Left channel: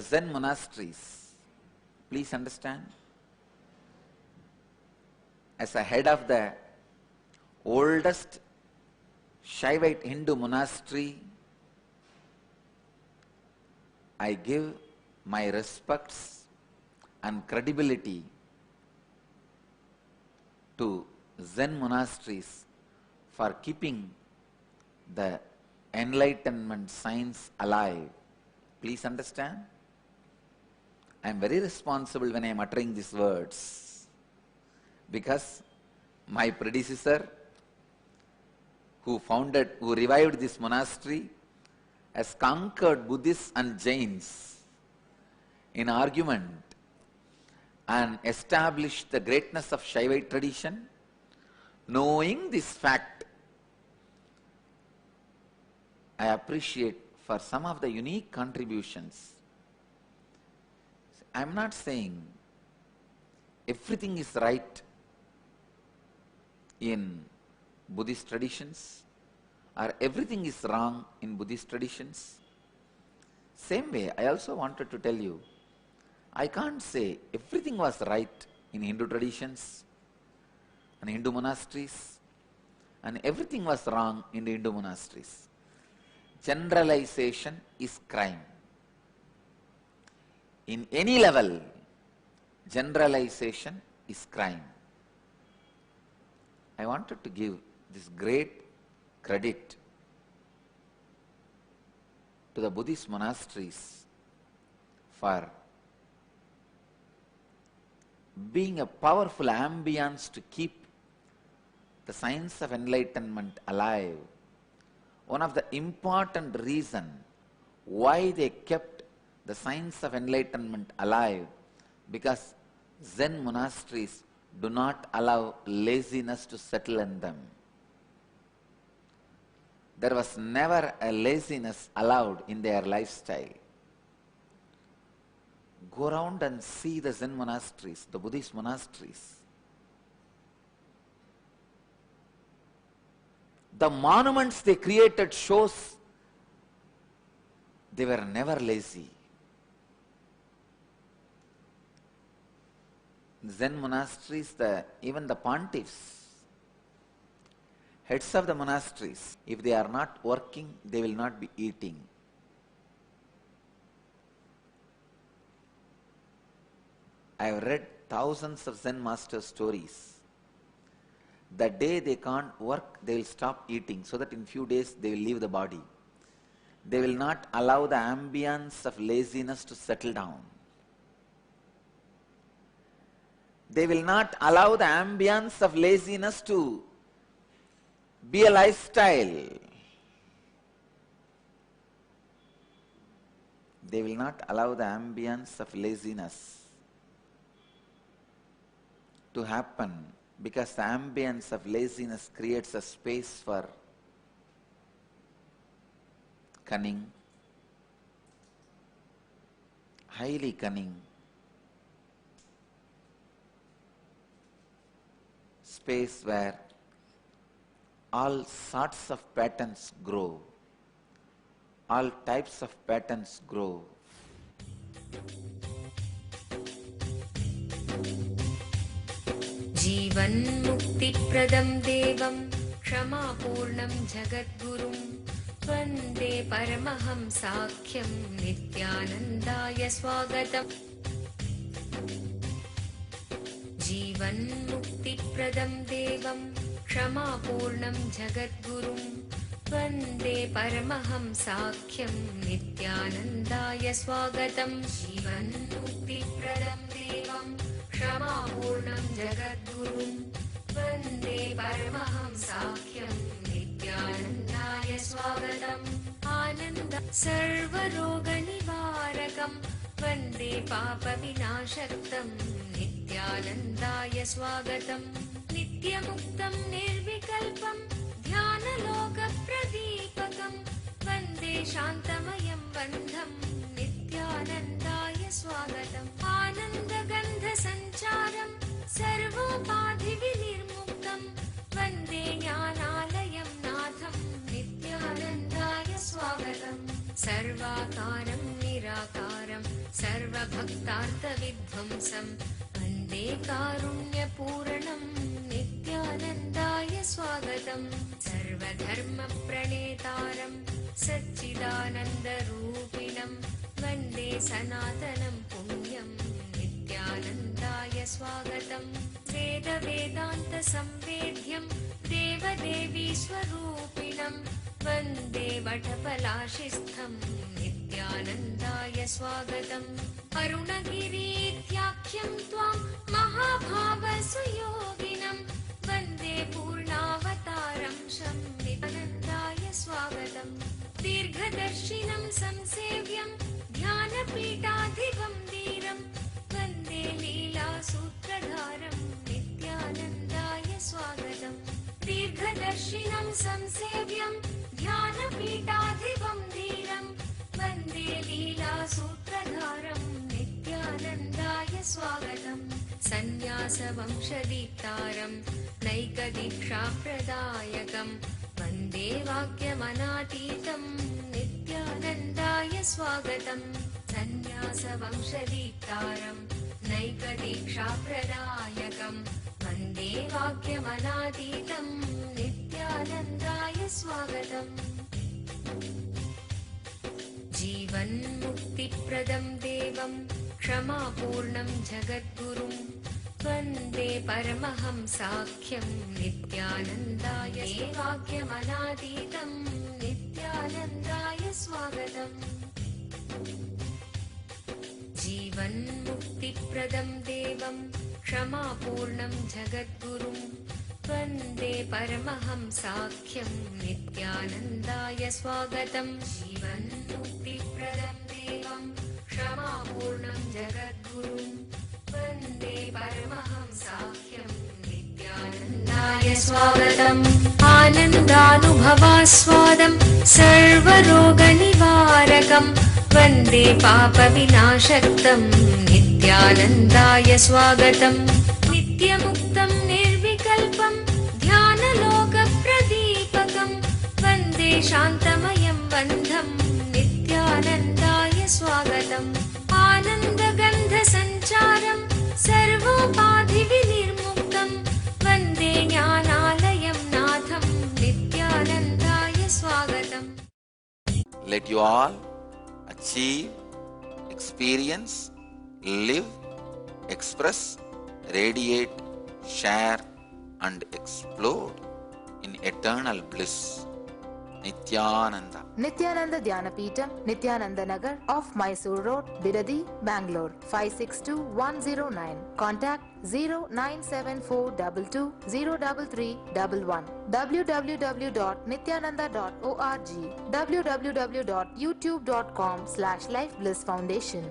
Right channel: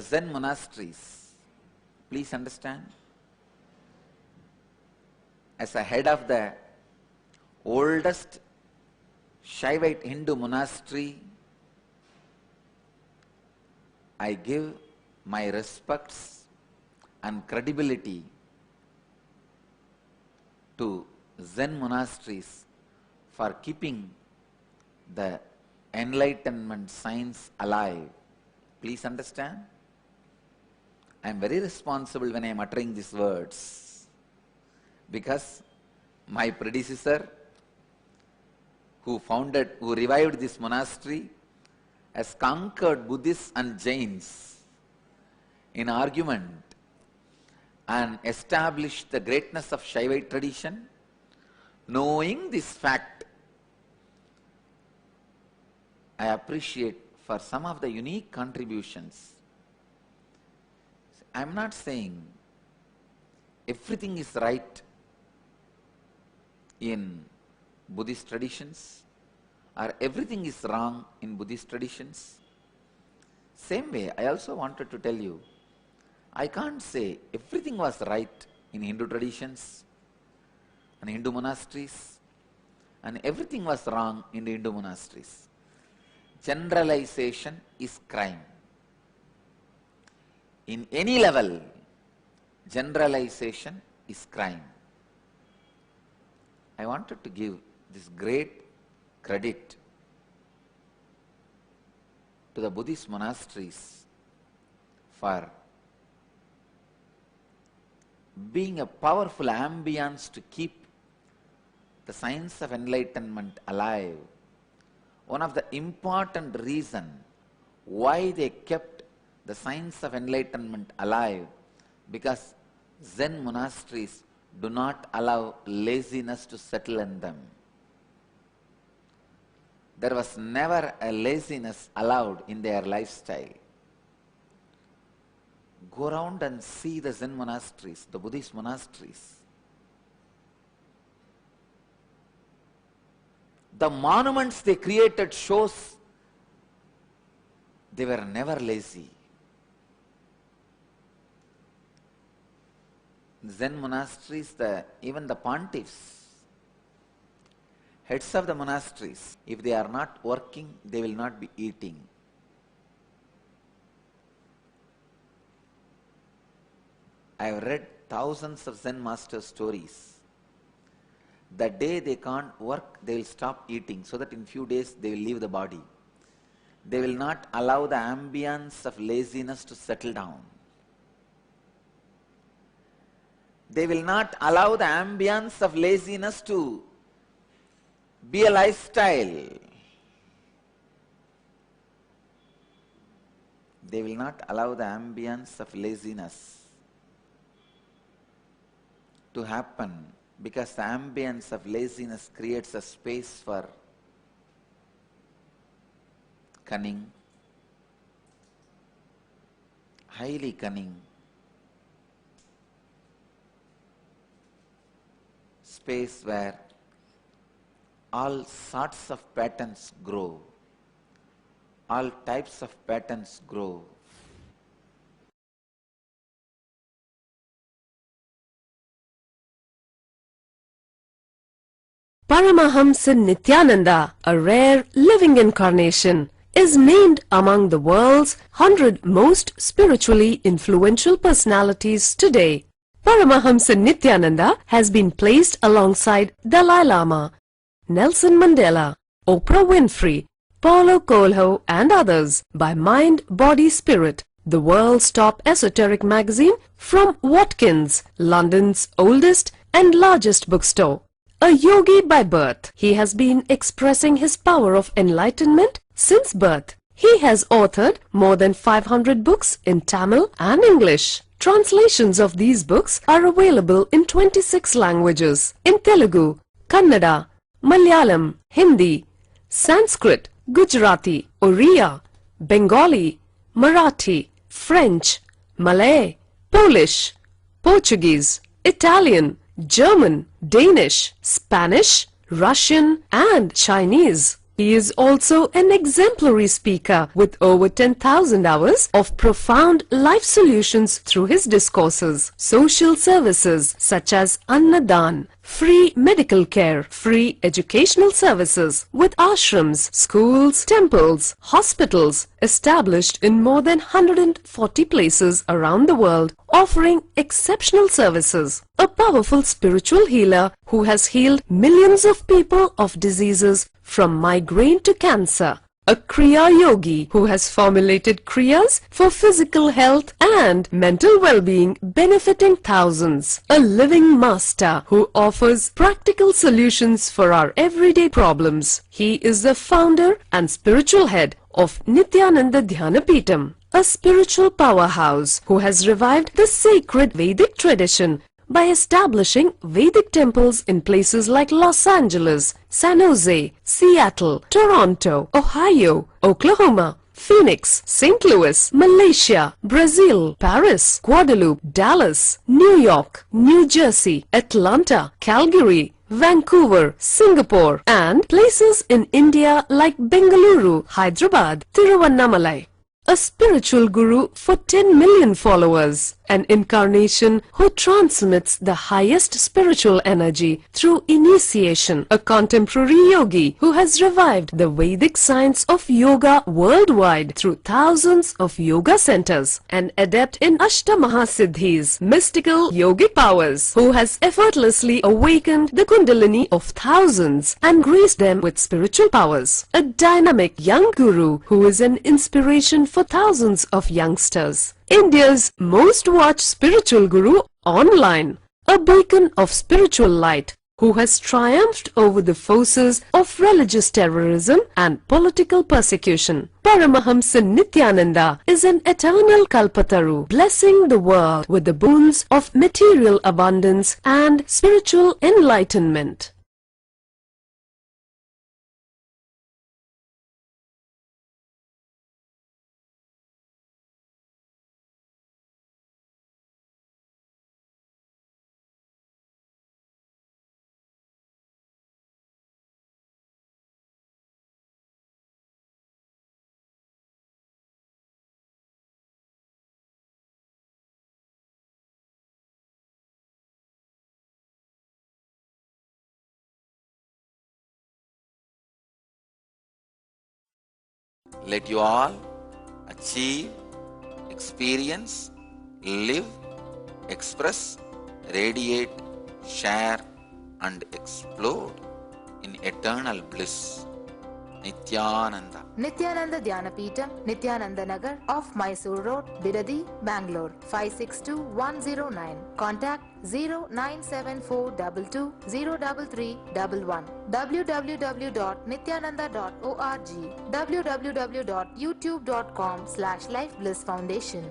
the Zen monasteries, please understand, as a head of the oldest Shaivite Hindu monastery, I give my respects and credibility to Zen monasteries for keeping the enlightenment science alive. Please understand, I am very responsible when I am uttering these words, because my predecessor who revived this monastery has conquered Buddhists and Jains in argument and established the greatness of Shaivite tradition. Knowing this fact, I appreciate for some of the unique contributions. I am not saying everything is right in Buddhist traditions or everything is wrong in Buddhist traditions. Same way, I also wanted to tell you, I can't say everything was right in Hindu traditions and Hindu monasteries and everything was wrong in the Hindu monasteries. Generalization is crime. In any level, generalization is crime. I wanted to give this great credit to the Buddhist monasteries for being a powerful ambience to keep the science of enlightenment alive. One of the important reasons why they kept the science of enlightenment alive, because Zen monasteries do not allow laziness to settle in them. There was never a laziness allowed in their lifestyle. Go around and see the Zen monasteries, the Buddhist monasteries. The monuments they created shows they were never lazy. Zen monasteries, even the pontiffs, heads of the monasteries, if they are not working, they will not be eating. I have read thousands of Zen master stories. The day they can't work, they will stop eating, so that in few days they will leave the body. They will not allow the ambience of laziness to settle down. They will not allow the ambience of laziness to be a lifestyle. They will not allow the ambience of laziness to happen, because the ambience of laziness creates a space for cunning, highly cunning, space where all sorts of patterns grow, all types of patterns grow. Paramahamsa Nityananda, a rare living incarnation, is named among the world's 100 most spiritually influential personalities today. Paramahamsa Nityananda has been placed alongside Dalai Lama, Nelson Mandela, Oprah Winfrey, Paulo Coelho and others by Mind, Body, Spirit, the world's top esoteric magazine from Watkins, London's oldest and largest bookstore. A yogi by birth, he has been expressing his power of enlightenment since birth. He has authored more than 500 books in Tamil and English. Translations of these books are available in 26 languages, in Telugu, Kannada, Malayalam, Hindi, Sanskrit, Gujarati, Oriya, Bengali, Marathi, French, Malay, Polish, Portuguese, Italian, German, Danish, Spanish, Russian and Chinese. He is also an exemplary speaker with over 10,000 hours of profound life solutions through his discourses. Social services such as Annadan, free medical care, free educational services with ashrams, schools, temples, hospitals established in more than 140 places around the world, offering exceptional services. A powerful spiritual healer who has healed millions of people of diseases from migraine to cancer. A Kriya Yogi who has formulated Kriyas for physical health and mental well-being, benefiting thousands. A living master who offers practical solutions for our everyday problems. He is the founder and spiritual head of Nityananda Dhyanapitham, a spiritual powerhouse who has revived the sacred Vedic tradition by establishing Vedic temples in places like Los Angeles, San Jose, Seattle, Toronto, Ohio, Oklahoma, Phoenix, St. Louis, Malaysia, Brazil, Paris, Guadeloupe, Dallas, New York, New Jersey, Atlanta, Calgary, Vancouver, Singapore, and places in India like Bengaluru, Hyderabad, Tiruvannamalai. A spiritual guru for 10 million followers, an incarnation who transmits the highest spiritual energy through initiation, a contemporary yogi who has revived the Vedic science of yoga worldwide through thousands of yoga centers, an adept in Ashtamahasiddhis, mystical yogic powers, who has effortlessly awakened the Kundalini of thousands and graced them with spiritual powers, a dynamic young guru who is an inspiration for thousands of youngsters. India's most watched spiritual guru online, a beacon of spiritual light who has triumphed over the forces of religious terrorism and political persecution. Paramahamsa Nityananda is an eternal Kalpataru, blessing the world with the boons of material abundance and spiritual enlightenment. Anandanubhavaswadam sarvaroganivarakam Vande Papa Vinashaktam Nityanandaya Swagatam Nityamuktam Nirvikalpam Dhyanaloka Pradipakam Vande Shantamayam Bandham Nityanandaya Swagatam Ananda Gandha Sancharam Sarvopadhi Vinirmuktam Vande Jnanalayam Natham Nityanandaya Swagatam. Let you all achieve, experience, live, express, radiate, share and explode in eternal bliss. Nityananda. Nityananda Dhyanapitham, Nityananda Nagar off Mysore Road, Bidadi, Bangalore 562109. Contact 097422033311. www.nityananda.org. www.youtube.com/Life Bliss Foundation.